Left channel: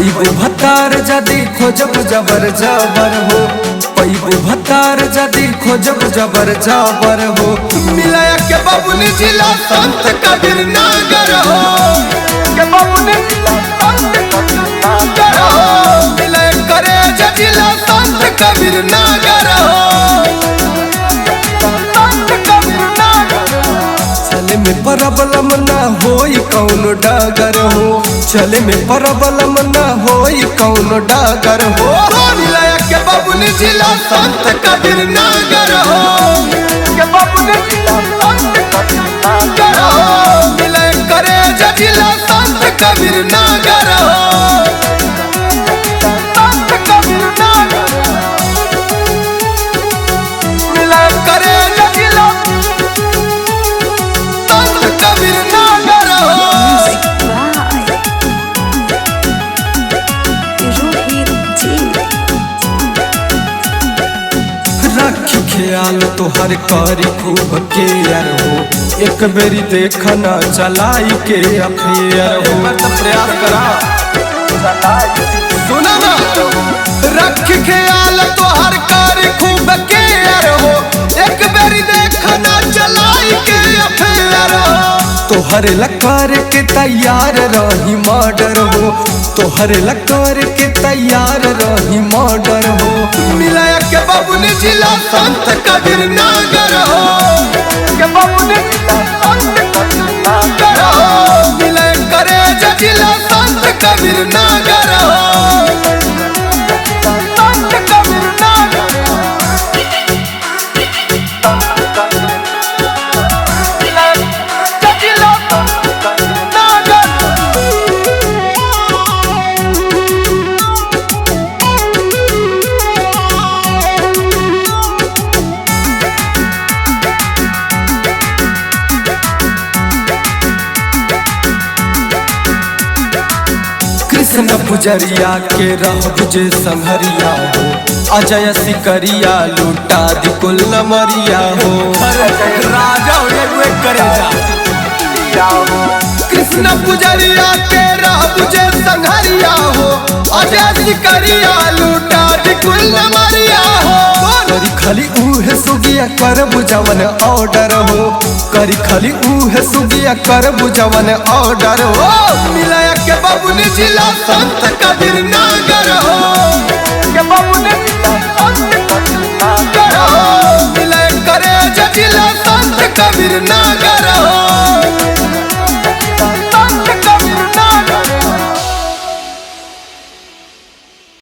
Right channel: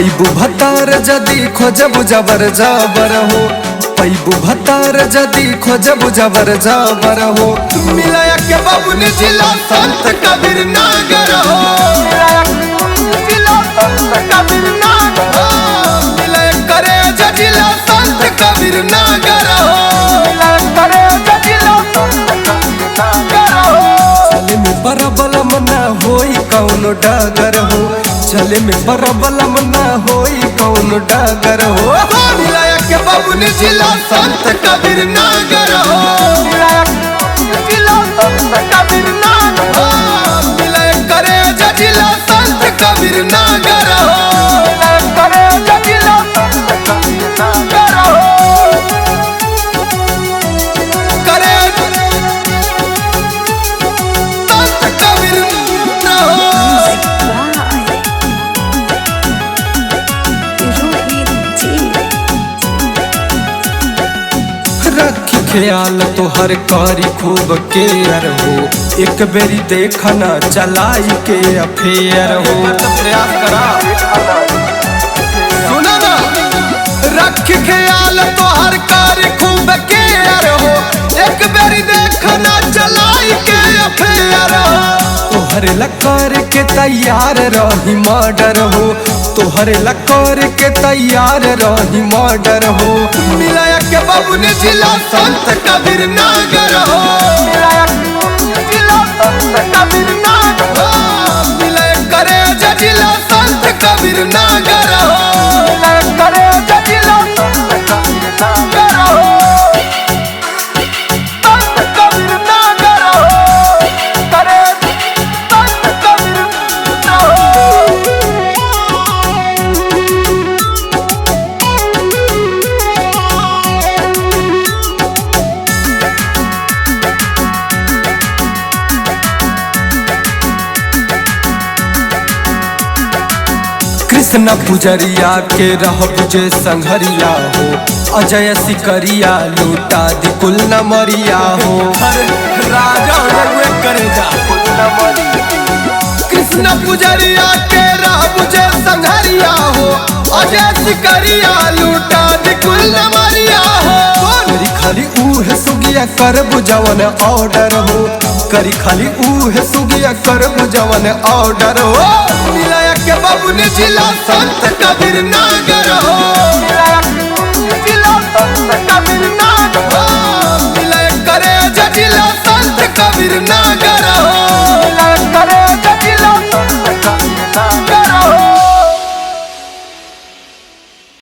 पैबू भतार जदी खोजब जबर जबर हो, पैबू भतार जदी खोजब जबर जबर हो। मिलाया के बबुन जिला संत कबीर नागर हो, मिलाया करे जिला संत कबीर नागर हो। चले में परबलम ना होई कौन डगर हो, चले में परबलम ना होई कौन डगर हो। मिलाया के बबुन जिला संत कबीर नागर हो, मिलाया करे जिला संत कबीर नागर हो। कबीर नागर हो। रख ख्याल तो हर कारी खूब केयर हो, एक बेरी देखना चलाई के अफेयर हो। एक बार तो प्रयास करा, सुना ना। रख ख्याल तो हर कारी खूब केयर हो, एक बेरी देखना चलाई के अफेयर हो। तोहरे लकार के तैयार रही मर्डर हो, तोहरे लकार के तैयार रही मर्डर हो। मिलाया के बबुन जिला संत कबीर नागर हो, मिलाया करे जिला संत कबीर नागर हो। कृष्ण पुजरिया के रह बुझे संघरिया हो, अजय सिकरिया लूटा दी कुल नमरिया हो। राजा हो जाए करे जा। कृष्ण पुजरिया के रह बुझे संघरिया हो, अजय सिकरिया लूटा दी कुल नमरिया हो। करी खाली उहे सुगिया कर बुझवन ऑर्डर हो, करी खाली उहे सुगिया कर बुझवन ऑर्डर हो। मिलाया के बबुन जिला संत कबीर नागर हो, मिलाया करे जिला संत कबीर नागर।